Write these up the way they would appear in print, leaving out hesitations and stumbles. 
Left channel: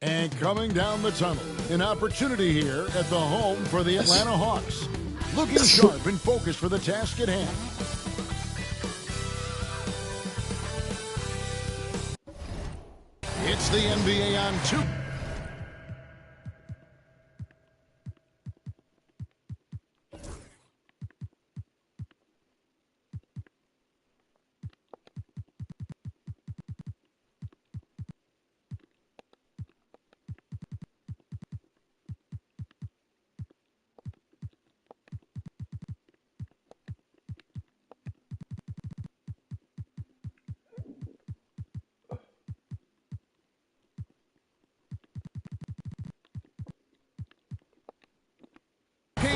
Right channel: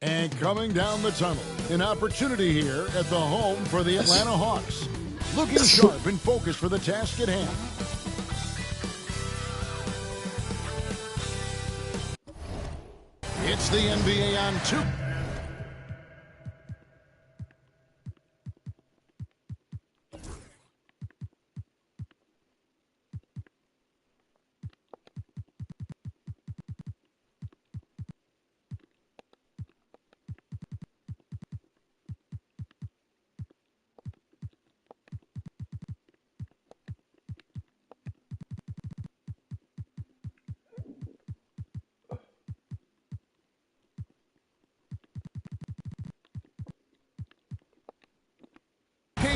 And coming down the tunnel, an opportunity here at the home for the Atlanta Hawks. Looking sharp and focused for the task at hand. It's the NBA on 2.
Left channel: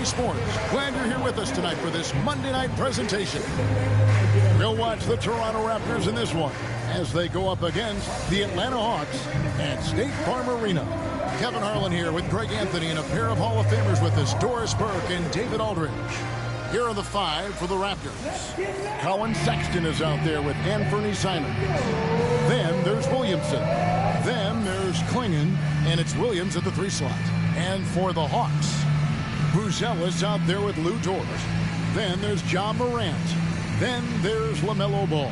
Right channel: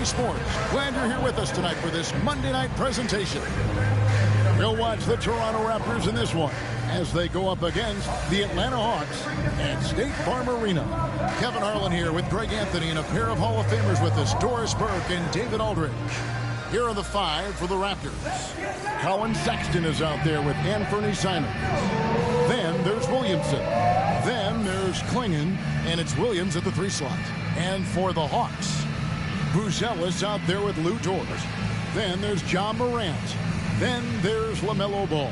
Sports. Glad you're here with us tonight for this Monday night presentation. We'll watch the Toronto Raptors in this one as they go up against the Atlanta Hawks at State Farm Arena. Kevin Harlan here with Greg Anthony and a pair of Hall of Famers with us, Doris Burke and David Aldridge. Here are the 5 for the Raptors. Colin Sexton is out there with Anthony Simons. Then there's Williamson. Then there's Klingon, and it's Williams at the 3 slot. And for the Hawks, Buzelis out there with Lou Dort. Then there's John Morant. Then there's LaMelo Ball.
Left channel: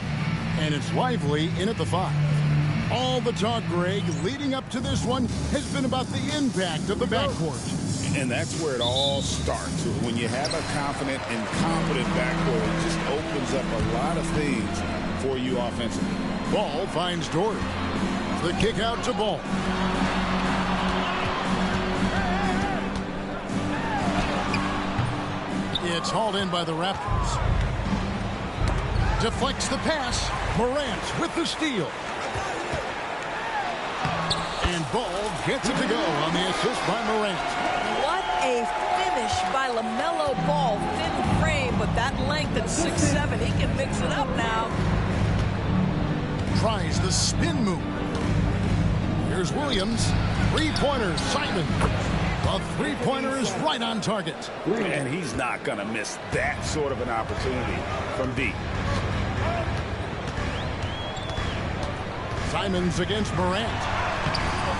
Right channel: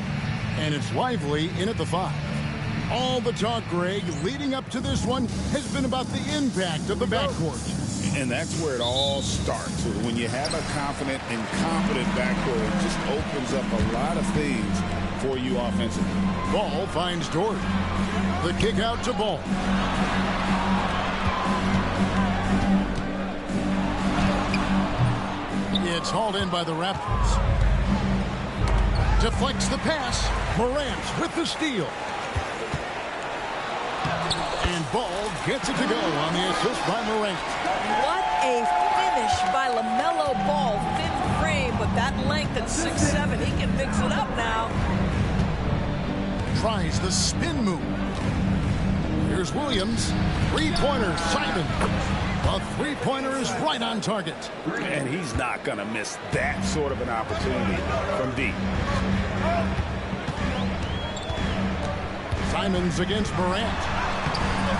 And it's Lively in at the 5. All the talk, Greg, leading up to this one has been about the impact of the backcourt. And that's where it all starts. When you have a confident and competent backcourt, it just opens up a lot of things for you offensively. Ball finds Dort. The kick out to Ball. It's hauled in by the Raptors. Deflects the pass. Morant with the steal. And Ball gets it to go on the assist by Morant. What a finish by LaMelo Ball. Thin frame, but that length at 6'7", he can mix it up now. Tries the spin move. Here's Williams. Three-pointer, Simon. The three-pointer is right on target. And he's not going to miss that sort of an opportunity from deep. Simons against Morant.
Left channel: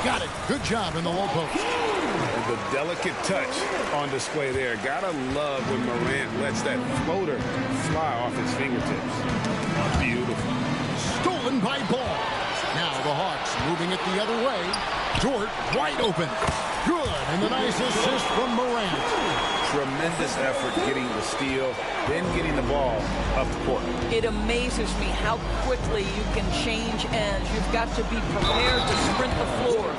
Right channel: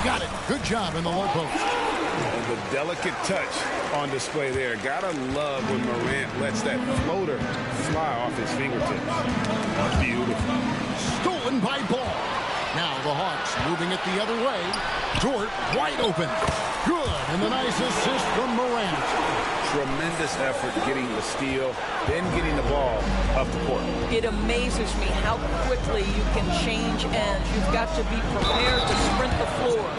Got it. Good job in the low post. And the delicate touch on display there. Gotta love when Morant lets that floater fly off his fingertips. Beautiful. Stolen by Ball. Now the Hawks moving it the other way. Dort wide open. Good, and the nice assist from Morant. Tremendous effort getting the steal, then getting the ball up the court. It amazes me how quickly you can change ends. You've got to be prepared to sprint the floor.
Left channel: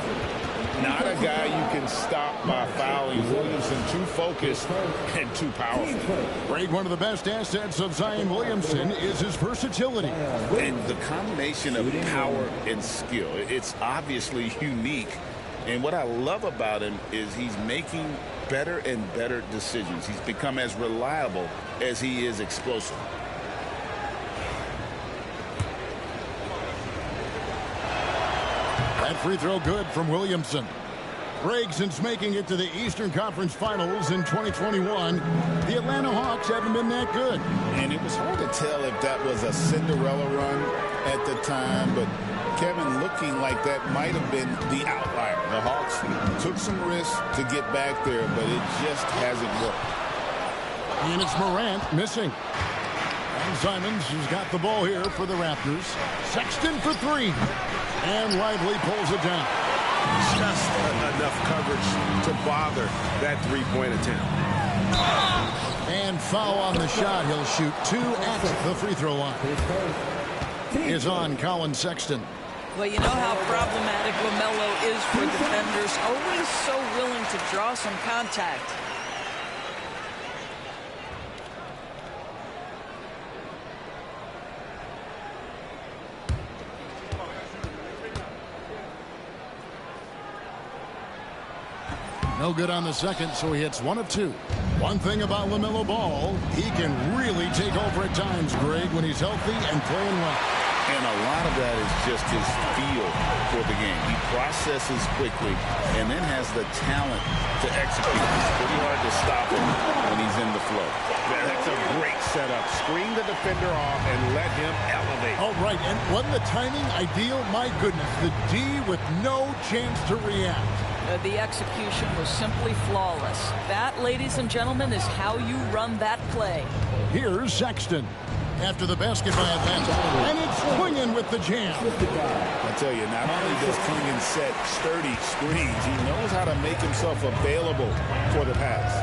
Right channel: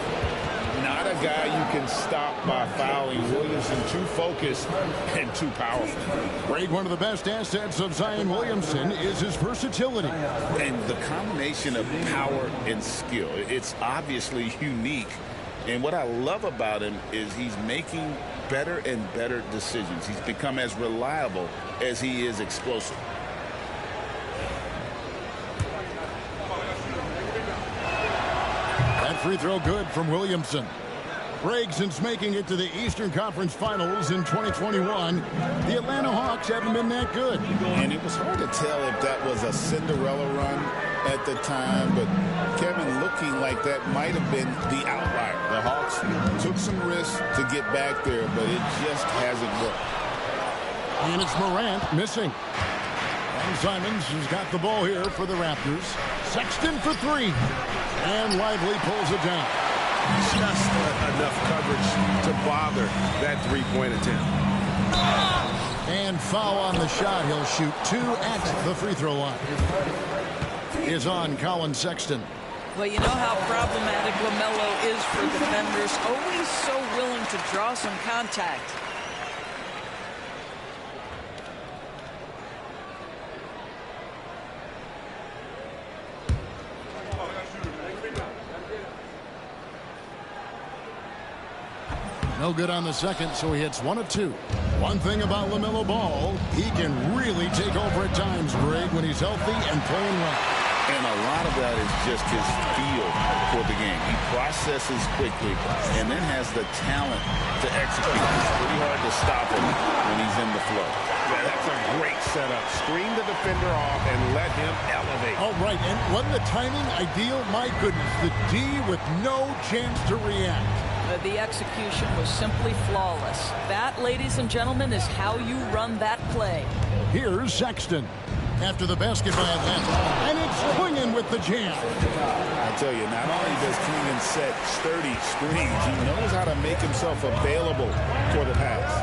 Not a guy you can stop by fouling. Williamson too focused and too powerful. Greg, one of the best assets of Zion Williamson is his versatility. And the combination of power and skill, it's obviously unique. And what I love about him is he's making better and better decisions. He's become as reliable as he is explosive. That free throw good from Williamson. Greg, since making it to the Eastern Conference Finals in 2021, the Atlanta Hawks haven't been that good. And it was hard to tell if that was a Cinderella run at the time, but Kevin, looking like that might have been the outlier. The Hawks took some risks to get back there, but it just hasn't worked. And it's Morant missing. And Simons has got the ball here for the Raptors. Sexton for 3. And Lively pulls it down. Just enough coverage to bother that three-point attempt. And foul on the shot. He'll shoot 2 at the free throw line. Is on Colin Sexton. Well, you know how problematic LaMelo is for defenders. Always so willing to draw some contact. No good on the second, so he hits 1 of 2. One thing about LaMelo Ball, he can really take over at times, Greg, when he's healthy and playing well. And a lot of that is just his feel for the game. He processes quickly and then has the talent to execute. It's pretty hard to stop him when he's in the flow. Yeah, that's a great setup. Screen the defender off and let him elevate. All right, and wasn't the timing ideal? My goodness, the D with no chance to react. The execution was simply flawless. That, ladies and gentlemen, is how you run that play. Here's Sexton. After the basket by Atlanta. And it's Klingon with the jam. I tell you, not only does Klingon set sturdy screens, he knows how to make himself available for the pass.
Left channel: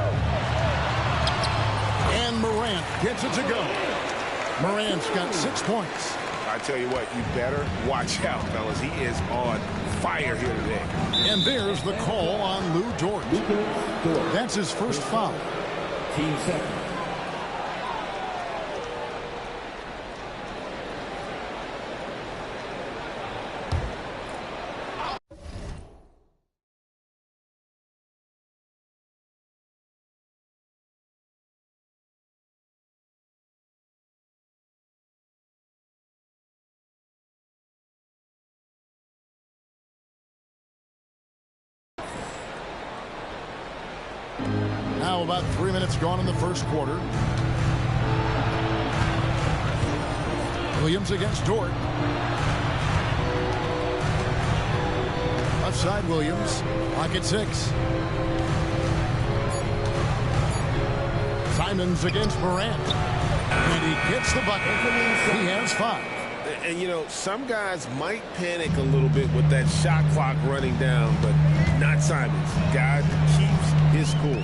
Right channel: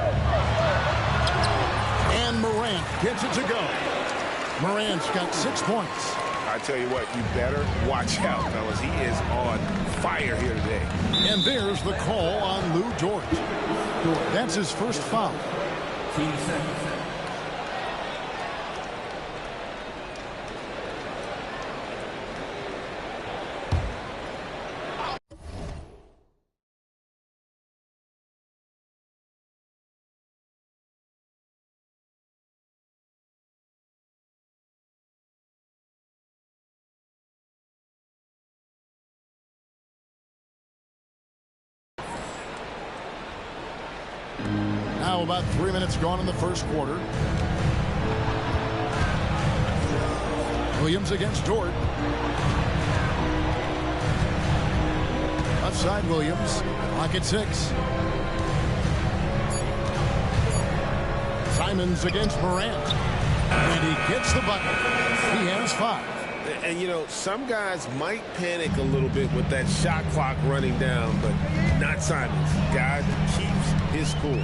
And Morant gets it to go. Morant's got 6 points. I tell you what, you better watch out, fellas. He is on fire here today. And there's the call on Lou Dort. That's his first foul. Team second. Now about 3 minutes gone in the first quarter. Williams against Dort. Left side Williams. Clock at 6. Simons against Morant. And he gets the bucket. He has 5. And, you know, some guys might panic a little bit with that shot clock running down, but not Simons. Guy keeps his cool.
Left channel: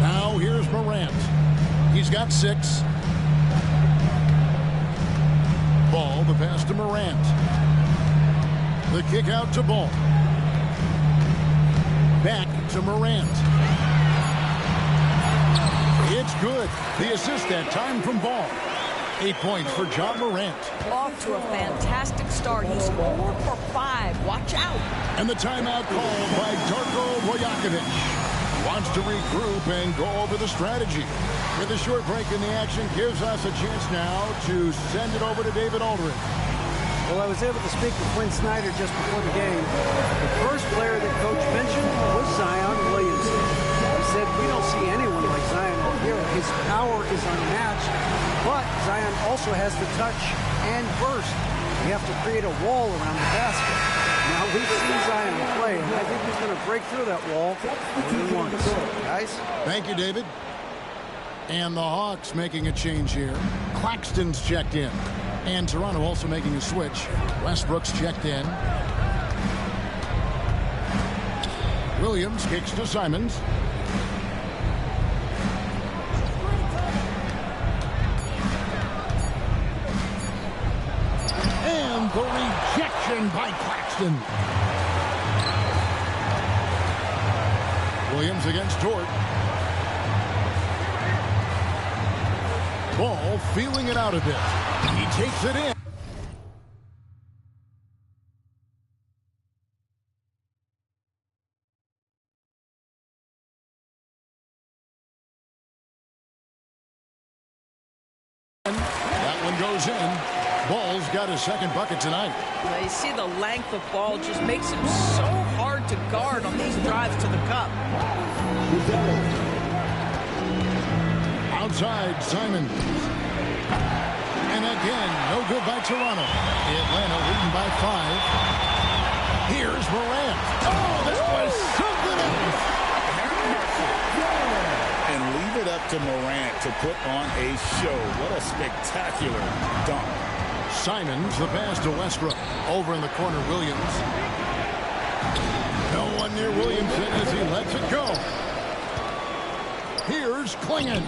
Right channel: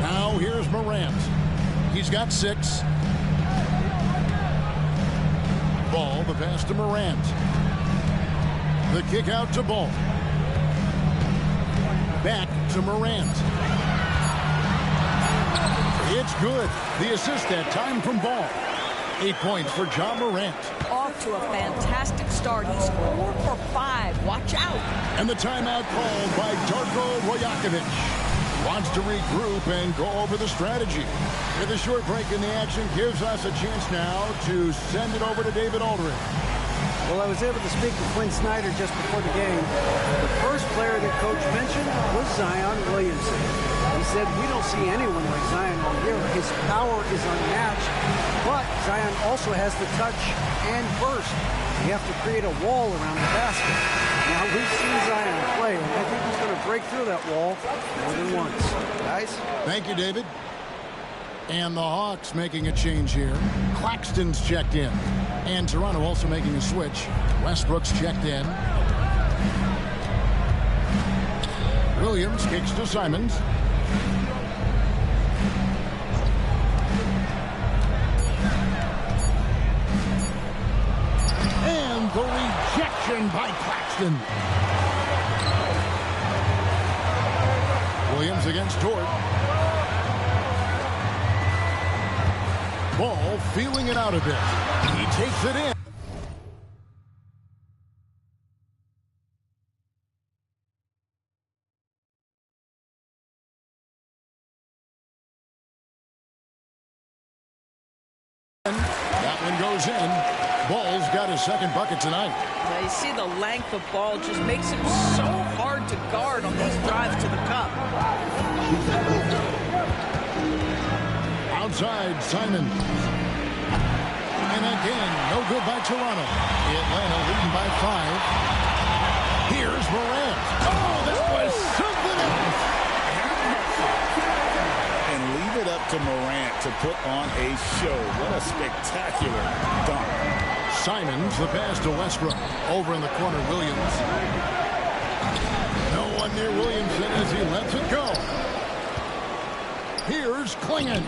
Now here's Morant. He's got 6. Ball, the pass to Morant. The kick out to Ball. Back to Morant. It's good. The assist that time from Ball. 8 points for Ja Morant. Off to a fantastic start. He's 4 for 5. Watch out. And the timeout called by Darko Rajakovic. Wants to regroup and go over the strategy. With a short break in the action, gives us a chance now to send it over to David Aldridge. Well, I was able to speak to Quinn Snyder just before the game. The first player that Coach mentioned was Zion Williamson. He said, we don't see anyone like Zion all year. His power is unmatched, but Zion also has the touch and burst. You have to create a wall around the basket. Now, we've seen Zion play, and I think he's going to break through that wall more than once. Guys? Thank you, David. And the Hawks making a change here. Claxton's checked in. And Toronto also making a switch. Westbrook's checked in. Williams kicks to Simons. And the rejection by Claxton. Williams against Dort. Ball feeling it out a bit. He takes it in. That one goes in. Ball's got his second bucket tonight. Now you see the length of Ball just makes him so hard to guard on these drives to the cup. Outside, Simon. And again, no good by Toronto. Atlanta leading by 5. Here's Morant. Oh, that was something else. And leave it up to Morant to put on a show. What a spectacular dunk. Simons, the pass to Westbrook. Over in the corner, Williams. No one near Williamson as he lets it go. Here's Klingon.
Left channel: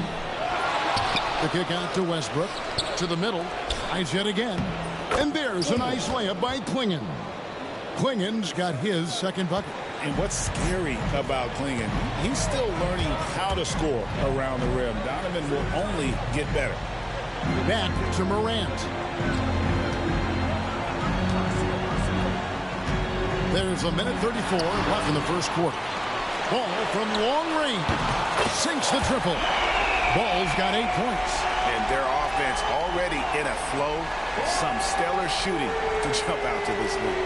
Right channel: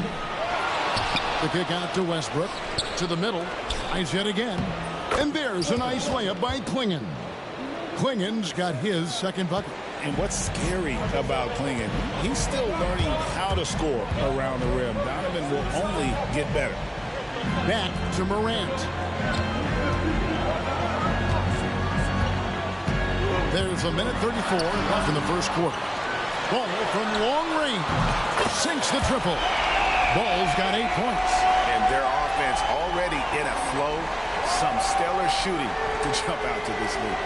The kick out to Westbrook. To the middle. Eyes yet again. And there's a nice layup by Klingon. Klingon's got his second bucket. And what's scary about Klingon, he's still learning how to score around the rim. Donovan will only get better. Back to Morant. There's a minute 34 left in the first quarter. Ball from long range. Sinks the triple. Ball's got 8 points. And And their offense already in a flow. Some stellar shooting to jump out to this lead.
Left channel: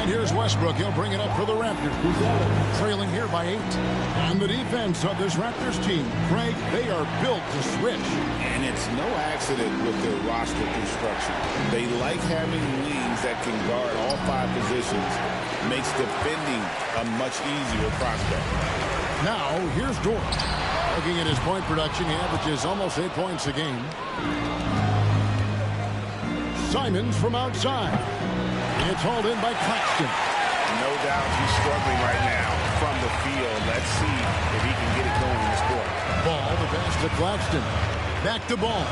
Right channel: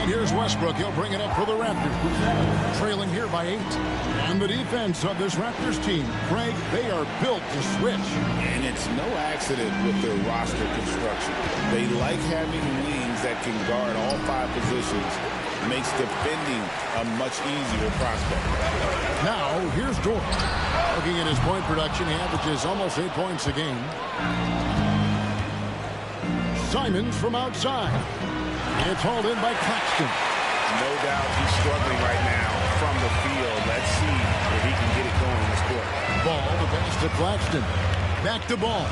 And here's Westbrook. He'll bring it up for the Raptors. Trailing here by 8. And the defense of this Raptors team, Craig, they are built to switch. And it's no accident with their roster construction. They like having wings that can guard all 5 positions. Makes defending a much easier prospect. Now, here's Dort. Looking at his point production, he averages almost 8 points a game. Simons from outside. It's hauled in by Claxton. No doubt he's struggling right now from the field. Let's see if he can get it going this quarter. Ball, the pass to Claxton. Back to Ball.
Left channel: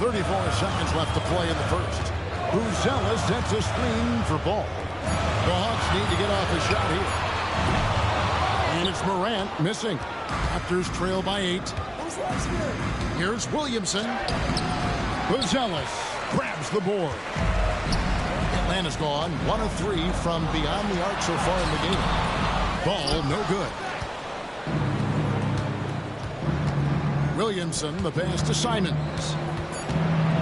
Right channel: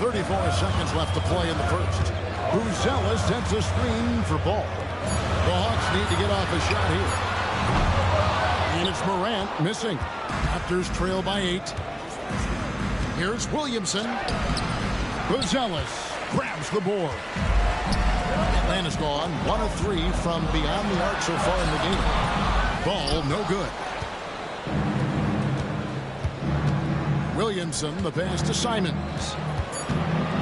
34 seconds left to play in the first. Bruzelis sets a screen for Ball. The Hawks need to get off a shot here. And it's Morant missing. Raptors trail by 8. Here's Williamson. Bruzelis grabs the board. Atlanta's gone 1 of 3 from beyond the arc so far in the game. Ball no good. Williamson, the pass to Simons.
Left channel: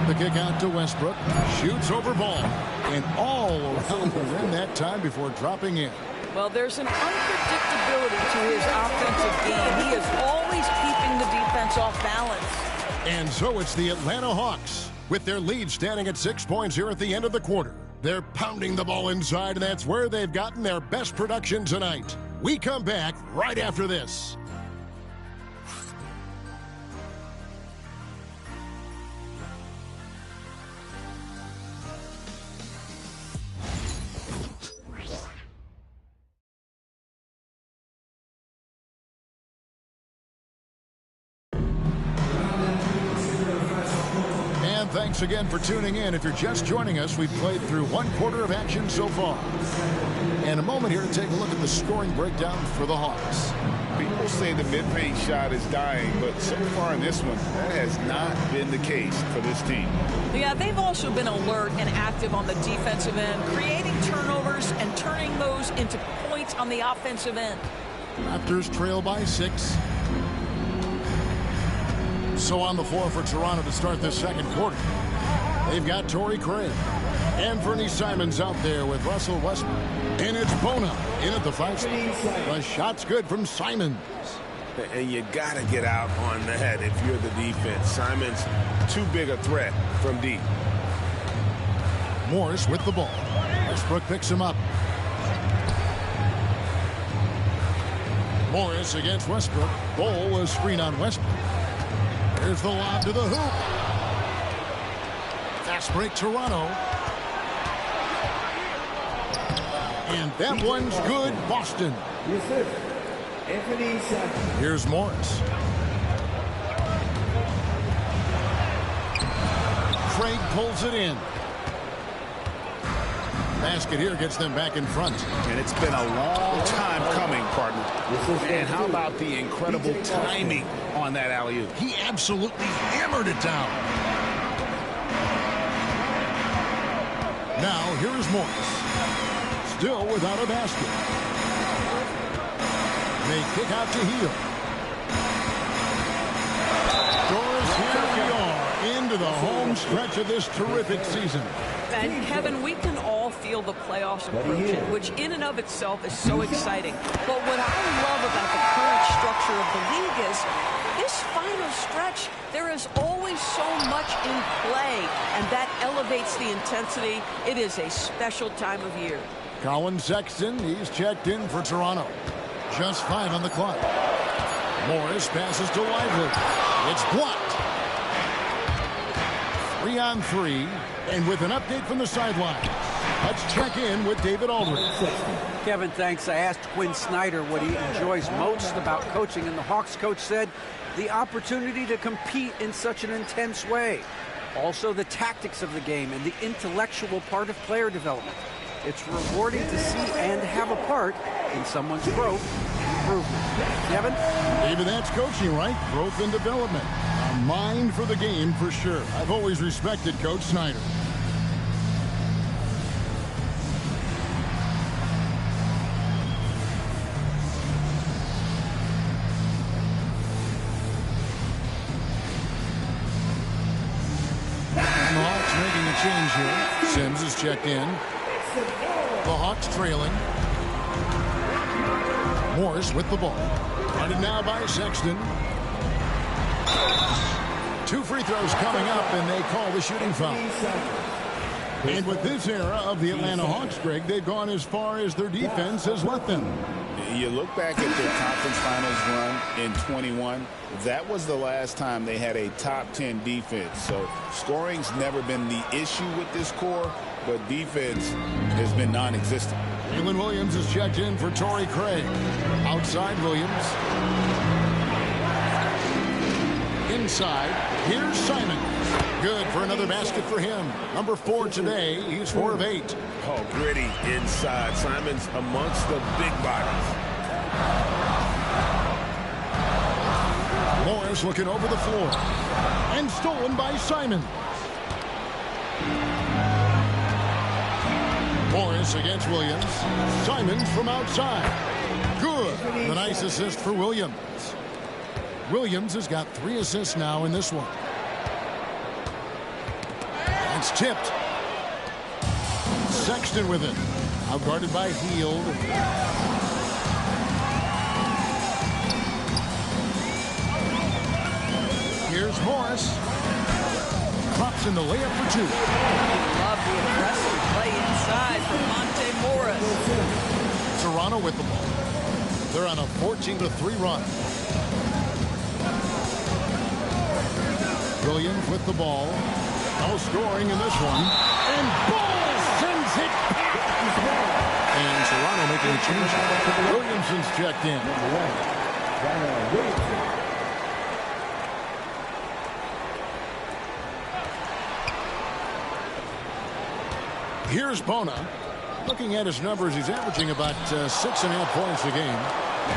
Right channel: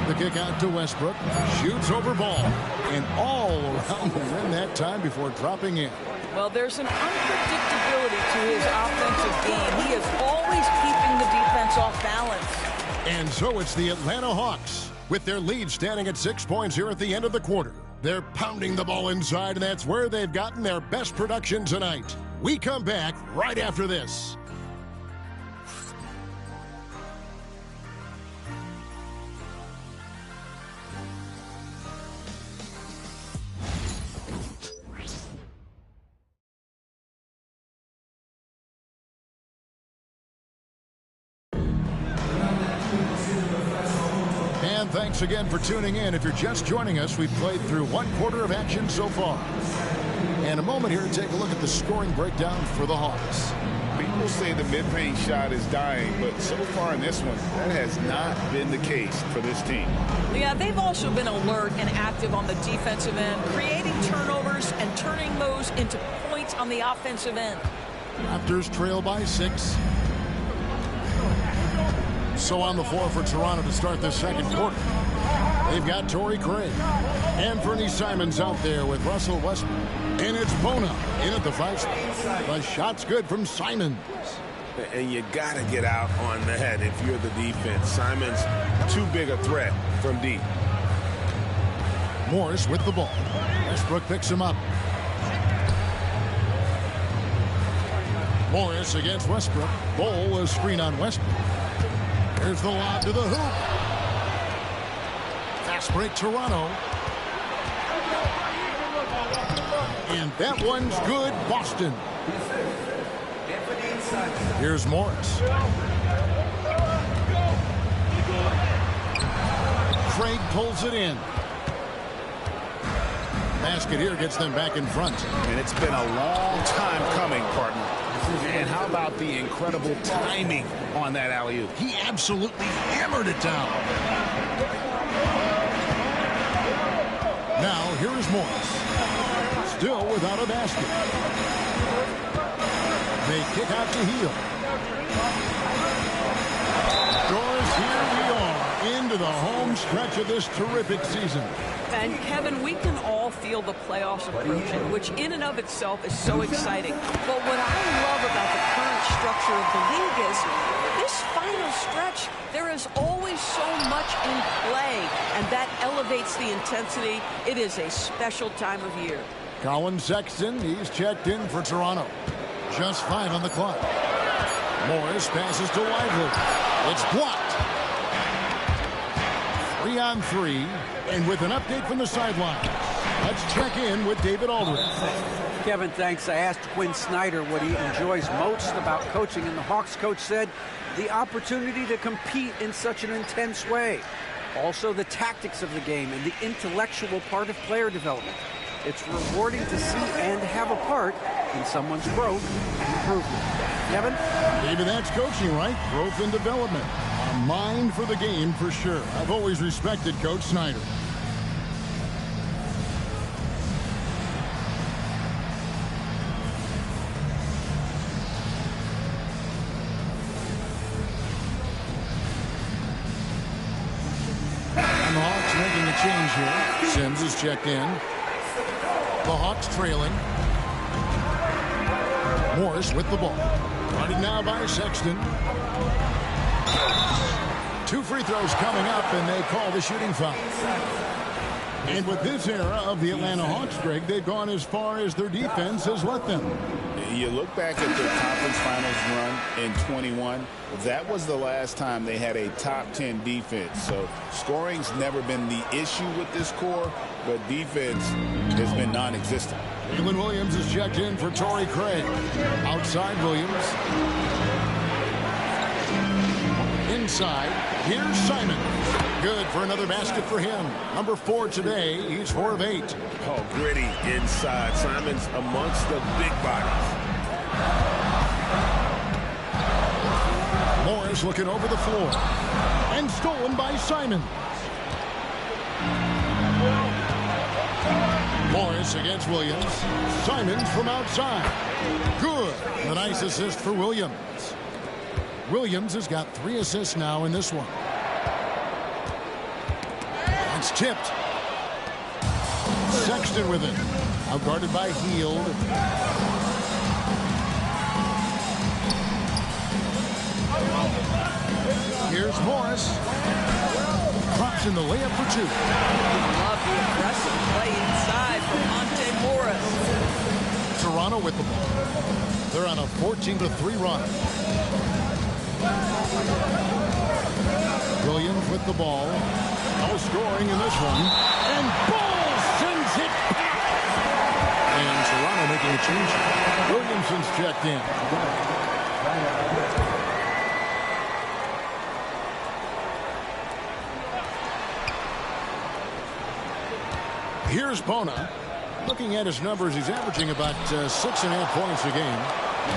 The kick out to Westbrook. Shoots over Ball. And all around the rim that time before dropping in. Well, there's an unpredictability to his offensive game. He is always keeping the defense off balance. And so it's the Atlanta Hawks with their lead standing at 6 points here at the end of the quarter. They're pounding the ball inside, and that's where they've gotten their best production tonight. We come back right after this. And thanks again for tuning in. If you're just joining us, we've played through 1 quarter of action so far. And a moment here to take a look at the scoring breakdown for the Hawks. People say the mid-range shot is dying, but so far in this one, that has not been the case for this team. Yeah, they've also been alert and active on the defensive end, creating turnovers and turning those into points on the offensive end. Raptors trail by 6. So on the floor for Toronto to start this second quarter. They've got Torrey Craig. Anthony Simons out there with Russell Westbrook. And it's Bona in at the 5 spot. The shot's good from Simons. And you got to get out on the head if you're the defense. Simons, too big a threat from deep. Morris with the ball. Westbrook picks him up. Morris against Westbrook. Ball a screen on Westbrook. Here's the lob to the hoop. Fast break Toronto. And that one's good, Boston. Here's Morris. Craig pulls it in. Basket here gets them back in front. And it's been a long time coming, partner. And how about the incredible timing on that alley-oop? He absolutely hammered it down. Now, here is Morris. Still without a basket. They kick out to Heel. Doris, here we are into the home stretch of this terrific season. And Kevin, we can all feel the playoffs approaching, which in and of itself is so exciting. But what I love about the current structure of the league is this final stretch, there is always so much in play, and that elevates the intensity. It is a special time of year. Colin Sexton, he's checked in for Toronto. Just 5 on the clock. Morris passes to Lively. It's blocked. 3 on 3. And with an update from the sidelines, let's check in with David Aldridge. Kevin, thanks. I asked Quinn Snyder what he enjoys most about coaching, and the Hawks coach said the opportunity to compete in such an intense way. Also, the tactics of the game and the intellectual part of player development. It's rewarding to see and have a part in someone's growth and improvement. Kevin? David, that's coaching, right? Growth and development. A mind for the game for sure. I've always respected Coach Snyder. And the Hawks making a change here. Sims is checked in. The Hawks trailing. Morris with the ball. Guarded now by Sexton. 2 free throws coming up, and they call the shooting foul. And with this era of the Atlanta Hawks, Greg, they've gone as far as their defense has let them. You look back at their conference finals run in 21, that was the last time they had a top 10 defense. So scoring's never been the issue with this core, but defense has been non-existent. Jalen Williams is checked in for Torrey Craig. Outside Williams. Inside, here's Simon. Good for another basket for him. Number 4 today. He's 4 of 8. Oh, gritty inside. Simon's amongst the big bodies. Morris looking over the floor. And stolen by Simon. Morris against Williams. Simons from outside. Good. The nice assist for Williams. Williams has got 3 assists now in this one. It's tipped. Sexton with it. Outguarded by Hield. Here's Morris. Drops in the layup for 2. Love the aggressive play inside from Monte Morris. Toronto with the ball. They're on a 14-3 run. Williams with the ball. No scoring in this one. And Ball sends it back. And Toronto making a change. Williamson's checked in. Here's Bona. Looking at his numbers, he's averaging about 6.5 points a game.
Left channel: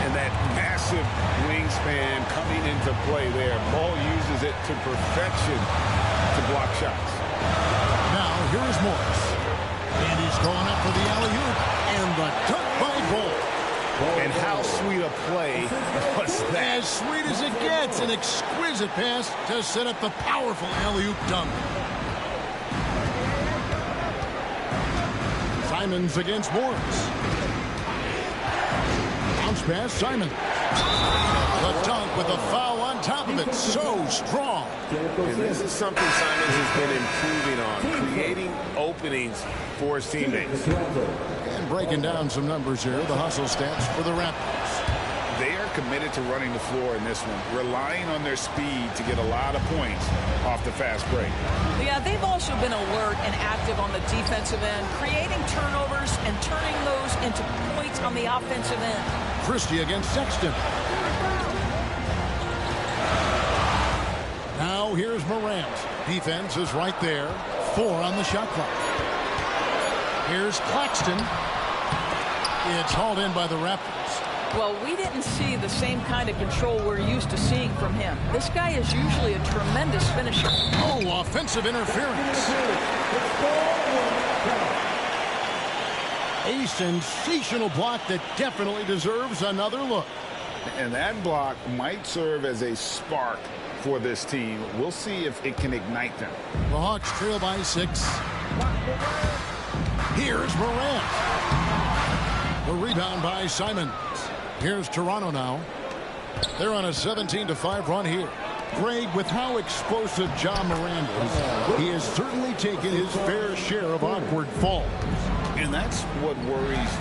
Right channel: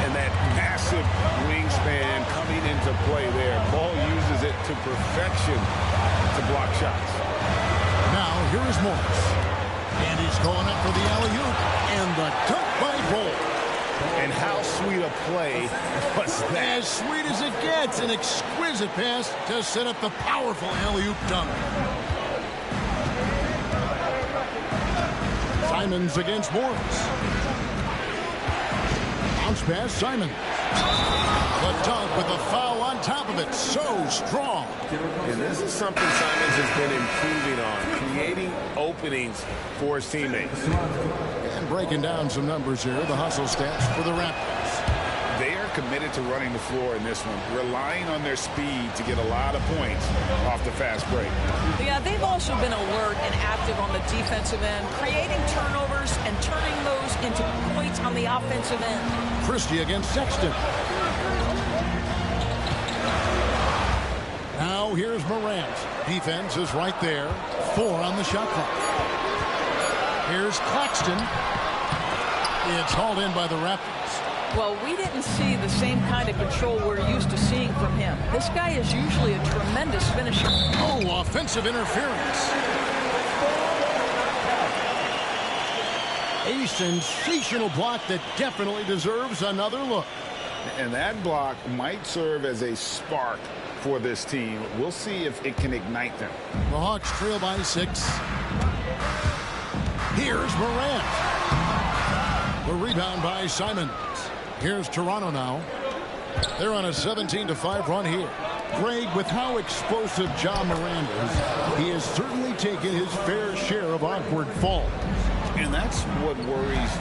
And that massive wingspan coming into play there. Ball uses it to perfection to block shots. Now, here is Morris. And he's going up for the alley-oop. And the dunk by Ball. And how sweet a play was that? As sweet as it gets. An exquisite pass to set up the powerful alley-oop dunk. Simons against Morris. Bounce pass, Simon. The dunk with a foul on top of it. So strong. And this is something Simons has been improving on, creating openings for his teammates. And breaking down some numbers here, the hustle stats for the Raptors. They are committed to running the floor in this one, relying on their speed to get a lot of points off the fast break. Yeah, they've also been alert and active on the defensive end, creating turnovers and turning those into points on the offensive end. Christie against Sexton. Now here's Morant. Defense is right there. 4 on the shot clock. Here's Claxton. It's hauled in by the Raptors. Well, we didn't see the same kind of control we're used to seeing from him. This guy is usually a tremendous finisher. Oh, offensive interference. A sensational block that definitely deserves another look. And that block might serve as a spark for this team. We'll see if it can ignite them. The Hawks trail by 6. Here's Morant. The rebound by Simons. Here's Toronto now. They're on a 17-5 run here. Greg, with how explosive Ja Morant is, he has certainly taken his fair share of awkward falls. And that's what worries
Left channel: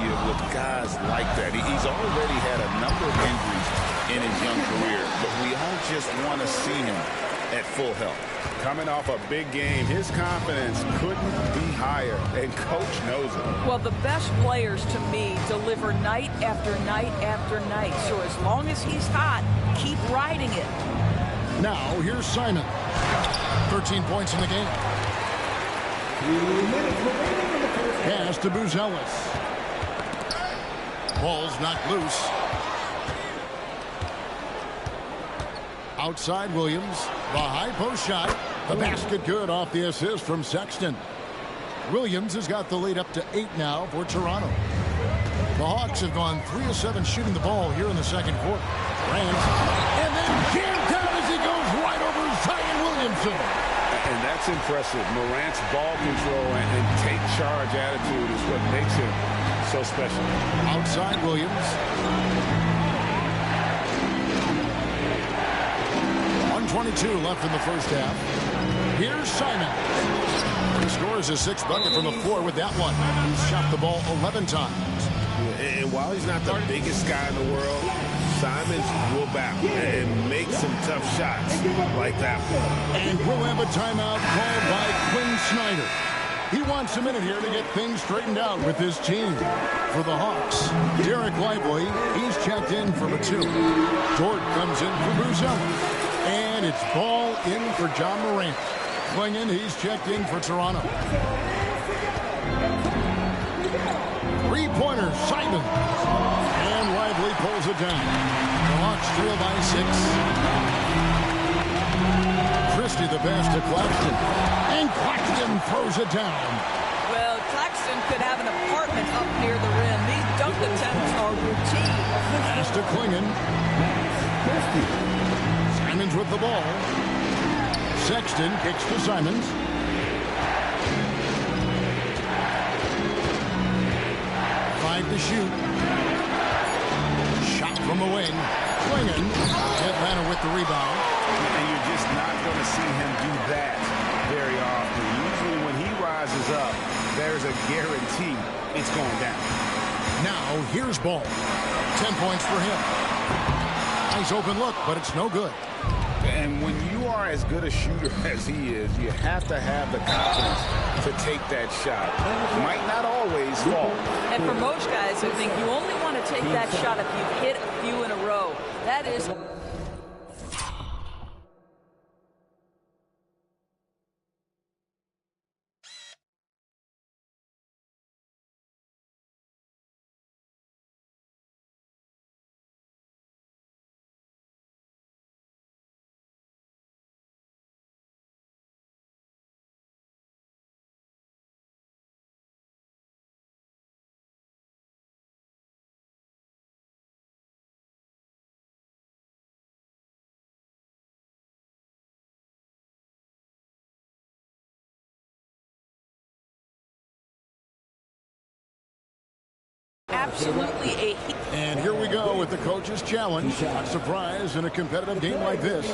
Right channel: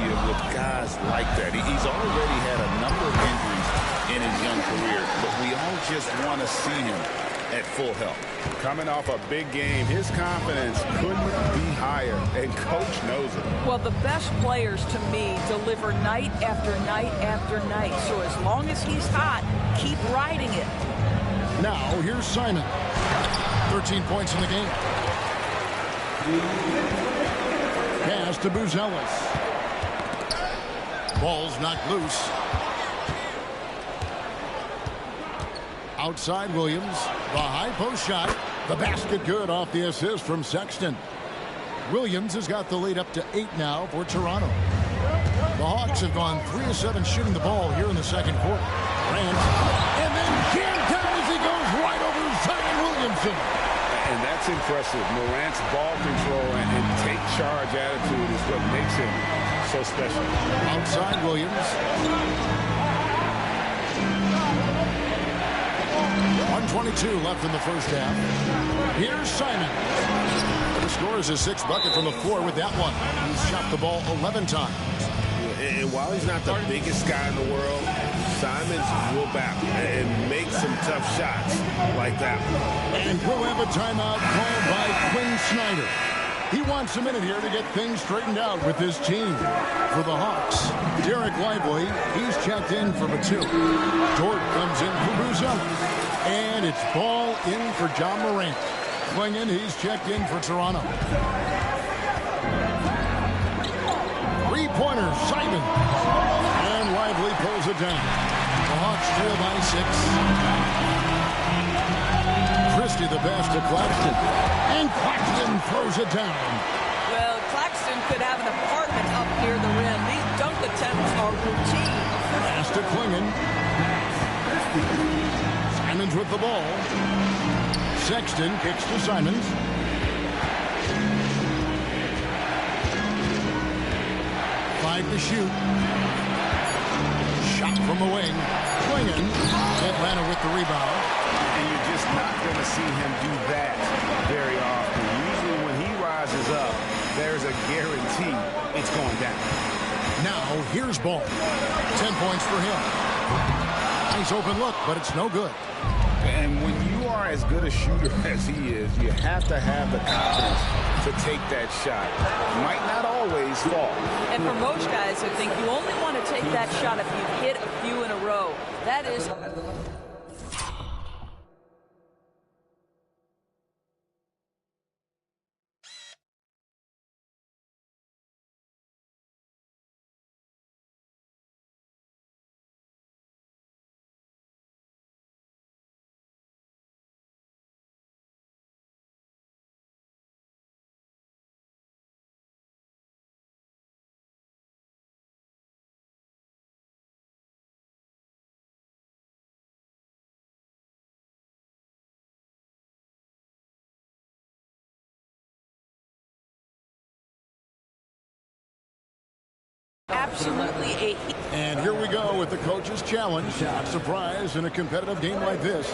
you with guys like that. He's already had a number of injuries in his young career, but we all just want to see him at full health. Coming off a big game, his confidence couldn't be higher, and coach knows it. Well, the best players to me deliver night after night after night. So as long as he's hot, keep riding it. Now, here's Simon. 13 points in the game. Pass to Buzelis. Ball's knocked loose. Outside Williams. The high post shot. The basket good off the assist from Sexton. Williams has got the lead up to 8 now for Toronto. The Hawks have gone 3 of 7 shooting the ball here in the second quarter. Grant. And then jammed down as he goes right over Zion Williamson. And that's impressive. Morant's ball control and take charge attitude is what makes him so special. Outside Williams. 1:22 left in the first half. Here's Simon. The score is his sixth bucket from the floor with that one. He's shot the ball 11 times. And while he's not the biggest guy in the world, Simons will battle and make some tough shots like that one. And we'll have a timeout called by Quinn Snyder. He wants a minute here to get things straightened out with his team. For the Hawks, Derek Lively, he's checked in for Batum. Dort comes in for Buzella. And it's ball in for John Morant. Klingon, he's checked in for Toronto. Three-pointer, Simon. And Lively pulls it down. The Hawks trail by 6. Christie the pass to Claxton. And Claxton throws it down. Well, Claxton could have an apartment up near the rim. These dunk attempts are routine. Pass to Klingon. Simons with the ball. Sexton kicks to Simons. Five to shoot. Shot from the wing. Klingon. Atlanta with the rebound. And you're just not going to see him do that very often. Usually when he rises up, there's a guarantee it's going down. Now, here's Ball. 10 points for him. Nice open look, but it's no good. And when you are as good a shooter as he is, you have to have the confidence to take that shot. Might not always fall. And for most guys, I think you only want to take that shot if you've hit a few in a row. That is... Absolutely And here we go with the coach's challenge. Not surprised in a competitive game like this.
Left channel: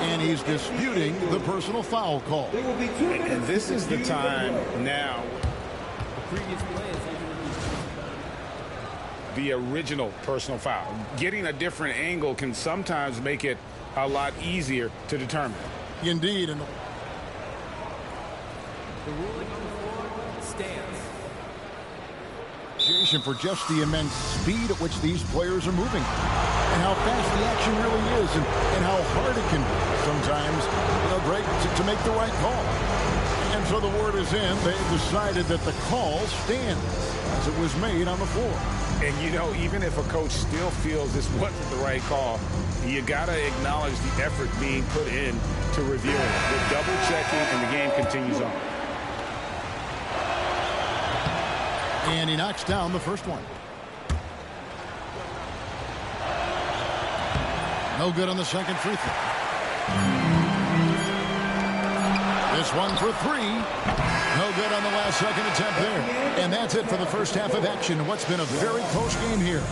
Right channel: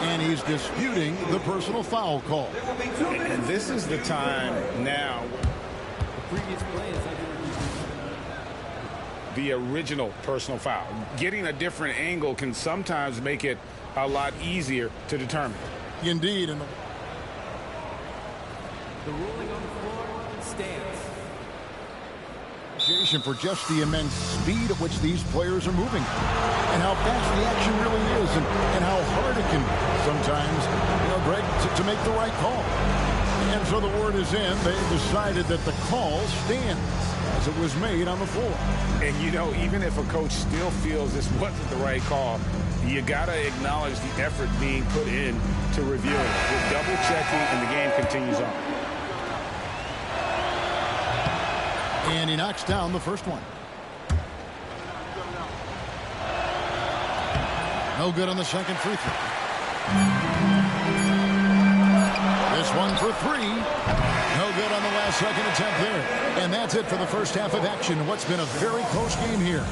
And he's disputing the personal foul call. And this is the time now. The previous play is the original personal foul. Getting a different angle can sometimes make it a lot easier to determine. Indeed. And the ruling on the floor stands. For just the immense speed at which these players are moving and how fast the action really is and how hard it can be sometimes, Greg, to make the right call. And so the word is in. They've decided that the call stands as it was made on the floor. And, even if a coach still feels this wasn't the right call, you got to acknowledge the effort being put in to reviewing it. With double checking, and the game continues on. And he knocks down the first one. No good on the second free throw. This one for three. No good on the last second attempt there. And that's it for the first half of action. What's been a very close game here.